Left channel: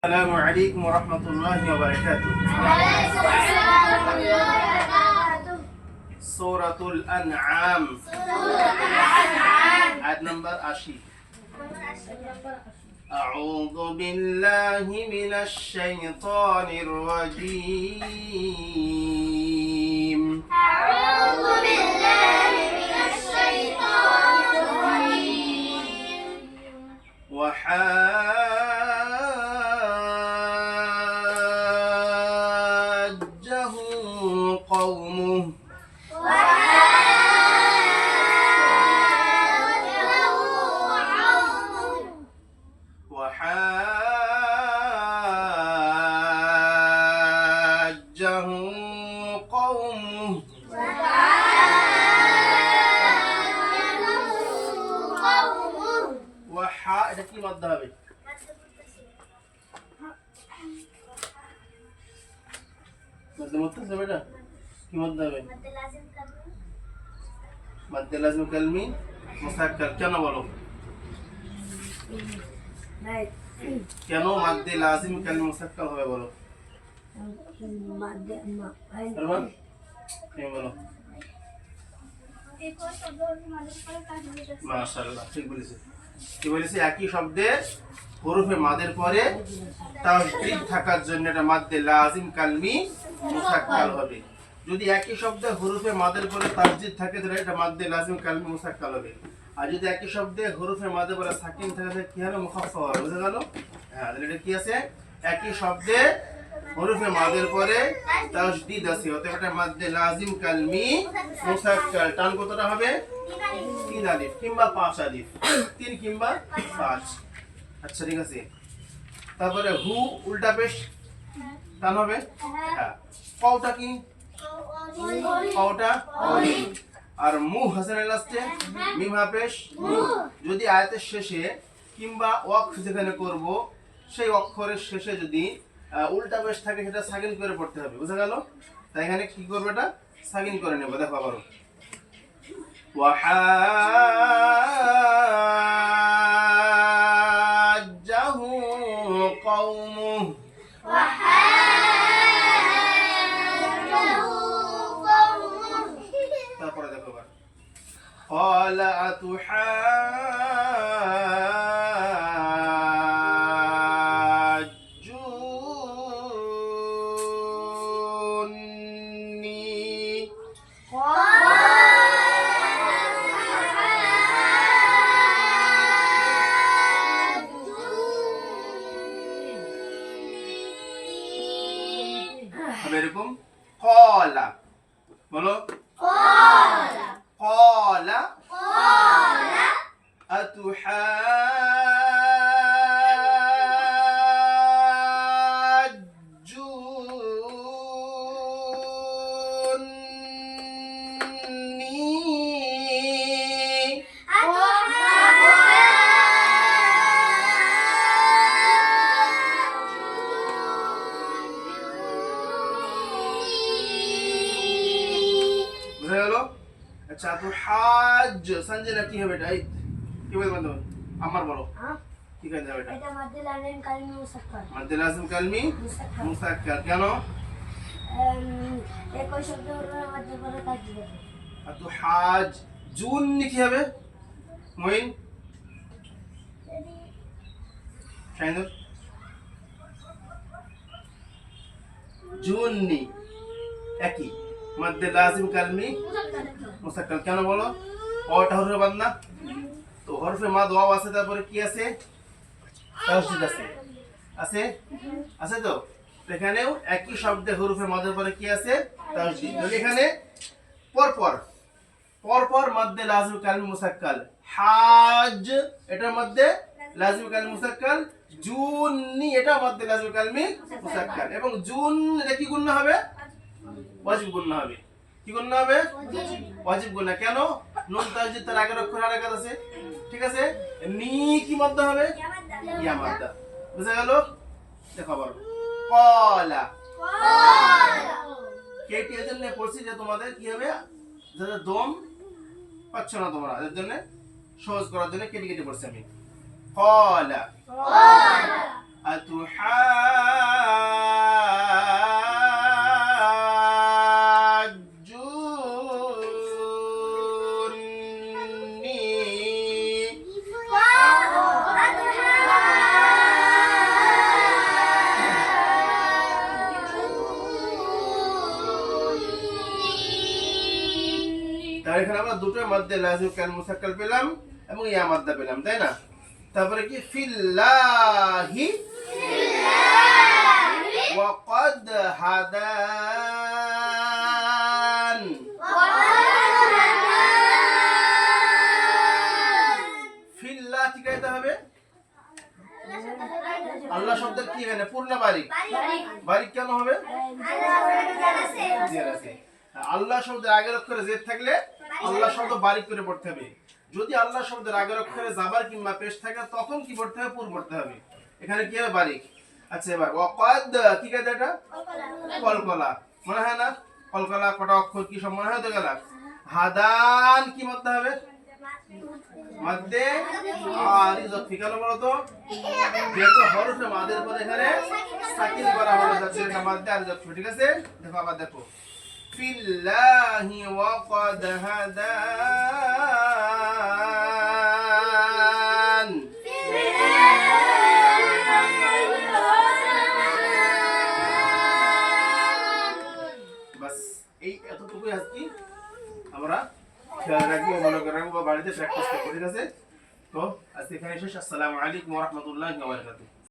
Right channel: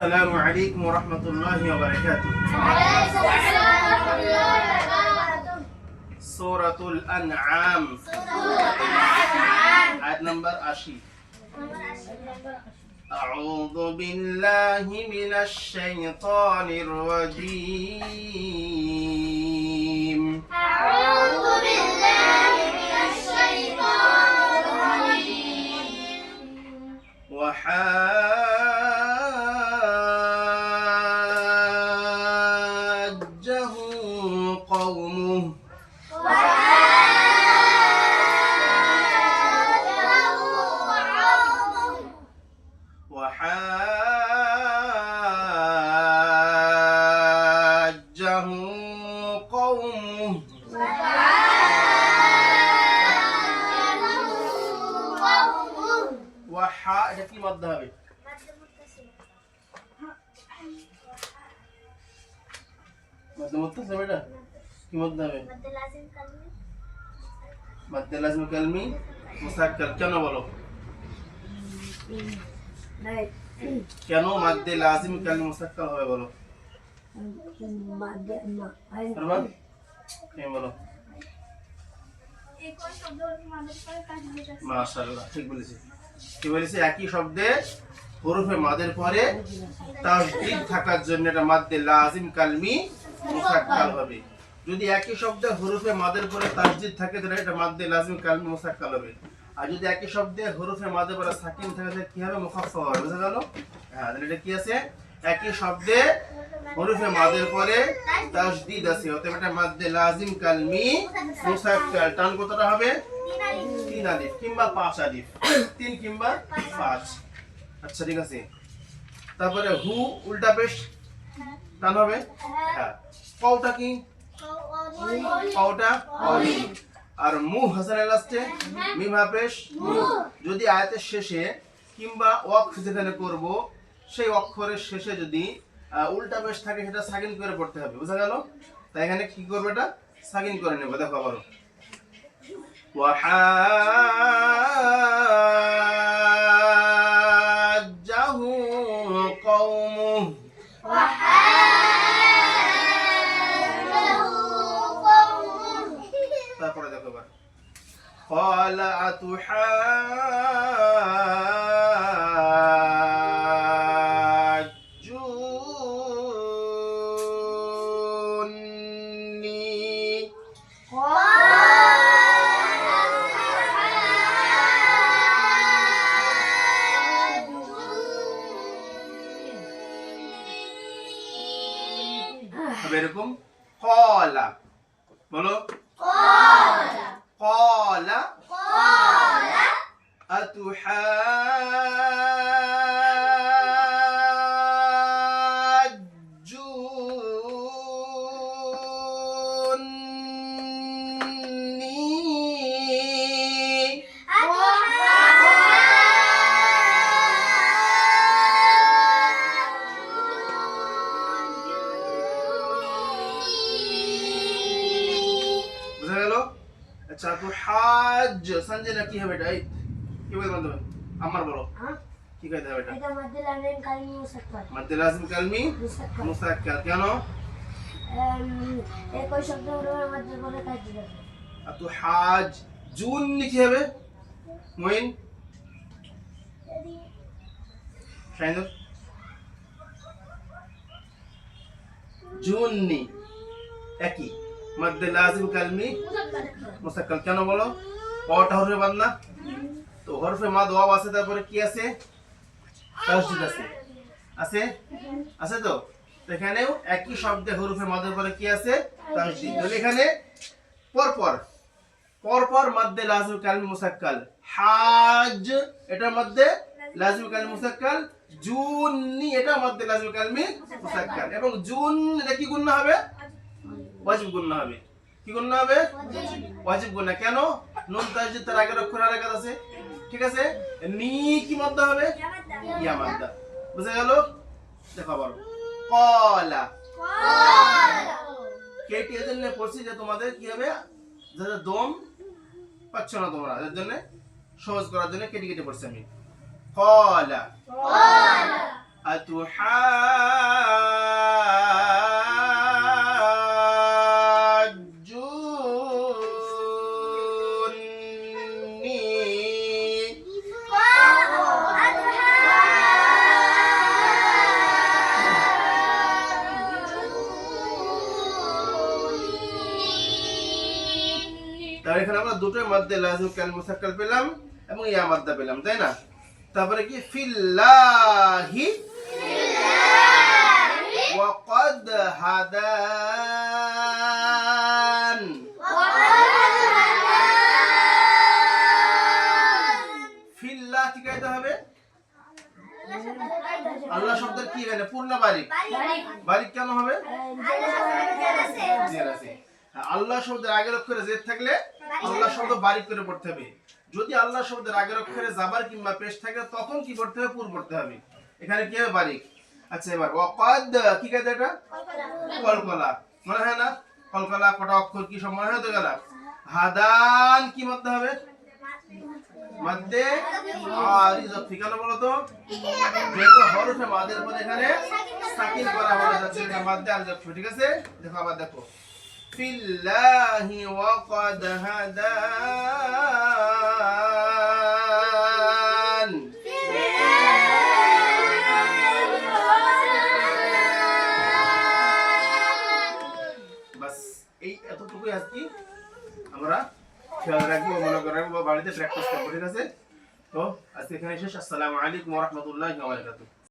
السلام عليكم ورحمة الله وبركاته. سورة الأنعام آية نمبر 80. أعوذ بالله من الشيطان الرجيم. أعوذ بالله من الشيطان الرجيم. وحاجه قومه وحاجه قومه وحا এটা কি মধ্য হবে? মধ্য মুত্তাসিল এটা কি মধ্য হবে? মধ্য লাজিম কালমি মুসাক্কাল। কেন বলো, কেন মধ্য লাজিম কালমি মুসাক্কাল হবে বলো? বলো। মাশাআল্লাহ, ঠিক বলেছি। কি বলেছি? একই শব্দে হরফে মাদের পরে তাসদীদ থাকার জন্য এটা মাদ্দে লাজিম কালমি মুসাক্কাল হবে। যদি একই শব্দে হরফে মাদের পরে তাসদীদ থাকে তাহলে এটা মাদ্দে লাজিম কালমি মুসাক্কাল হবে। আর যদি একই শব্দে হরফে মাদের পরে সাকিন থাকে তাহলে কি হবে? মুখাফফা হবে। বুঝা গেল? হ্যাঁ, তাহলে এটা কি আছে? একই শব্দে হরফে মাদের পরে তাসদীদ আছে, অতএব এটা মাদ্দে লাজিম কালমি মুসাক্কাল। টান কতটা হবে? 3 আলিফ কিংবা 5 আলিফ, 3 কিংবা 5। আচ্ছা, ঠিক আছে। তারপরে হু উল্টা পেশ টান হবে। হ্যাঁ, কওটা কি? কওটা কওলি। আর মু হাসানের লাস্টে মিম হা পেশ মু। যদি আয়াতের শেষে কিংবা ওয়াকফ যেখানে করব সেই অক্ষরের শেষে যদি উল্টা পেশ থাকে সেটা সাকিন করে পড়তে হবে। বুঝা গেল? তাই এখানে কি করবে? এটা সাকিন করে নেব। দেখো আবার وحاجه قومه তারপরে দেখো এবার قال أتحاجوني হবে এরকম কলা। বলো কলা আতুহাজ্জুনি বুঝা গেল? আচ্ছা, তো হাজ সঞ্জনা কি হবে? এটা কি বলবো তুমি? আমার বলো কি কাজ হবে? এটা এটা মাদ্দে লাজিম কালমি মুসাক্কাল। মাদ্দে লাজিম কালমি মুসাক্কাল। কেন? একই শব্দ হরফের মধ্যে পরে তাসদীদ আছে। আর তো হাজ জুন কি হবে? মইন শাইনুর জুননি একই মাদ্দে লাজিম কালমি মুসাক্কাল। কেন বলো? কটা হরফে বাদ না? তো হরফে মাদ ওয়াও আছে, তারপরে কি আছে? তাসদীদ আছে। আছে আছে তো এখানেও একই শব্দে হরফে মাদের পরে কি আছে? তাসদীদ। তাহলে এখানে পরপর পরপর মাদ্দে লাজিম কালমি মুসাক্কাল। হাজ এটা মাদ্দে লাজিম কালমি মুসাক্কাল, জুননি এটা মাদ্দে লাজিম কালমি মুসাক্কাল। এবং জুন এটা কি গুণনা হবে? ওয়াজিব গুণনা হবে। কি গুণনা হবে? ওয়াজিব গুণনা। কেন? নুন তাসদীদ তার আগের অক্ষর আর একাত আছে। ঠিক আছে। নি কি মধ্য হবে? ইয়া মাদ্দা। বুঝা গেল? দেখো আবার কলা কেটি এর জন্য পড়ছি যে তোমাদের কি হবে, যাতে দম পাচ্ছ না তোমরা, এর জন্য সহজ করার জন্য কেটে কেটে পড়ছি আমি। কলা আতুহাজ্জুনি তাহলে এখানে আমরা দুটোর মধ্যে লাজিম কাল মুসাক্কাল পেলাম এবং ইয়া মাদ্দা পেলাম, তাই না? তারপরে কি ফিল্লাহি ওয়া ক্বাদ হাদান, ফিল্লাহ কি গাইতে হবে? আল্লাহ শব্দের কি এখানে পূর্ণ বারিক, বারিক কেন হবে? জের আছে। আল্লাহ শব্দের আগের অক্ষরে জেদ থাকলে আল্লাহ শব্দ বারিক করে পড়তে হবে। যদি আল্লাহ শব্দের আগের অক্ষরে জাবার কিংবা পেশ থাকে তখন কি পড়তে হবে? পুর পড়তে হবে। এখানে কি হবে? বারিক। আচ্ছা, এবার ওয়াকাদ কি গাইতে? এটা কলকলা মনে হয় না? কলকলা কটা অক্ষর কি সব মনে হয় তো গেল? হাদান কি মধ্যে হবে? মধ্যে আরিজ কেন বলো তো? যেহেতু হরফে মাদের পরে এখানে সাকিন করা হবে, যাচ্ছে এটা মধ্যে আরিজ। ঠিক আছে, দেখো আবার দেখো ফিল্লাহি ওয়াকাদ হাদান। বাস এই এতটুকুই আজকে আমরা খেয়াল রাখবো, মনে করে রাখবো, বাড়িতে প্র্যাকটিস করবো। ঠিক আছে, তো আজকে এখানে শেষ। আসসালামু আলাইকুম ওয়া রাহমাতুল্লাহি ওয়া বারাকাতুহু।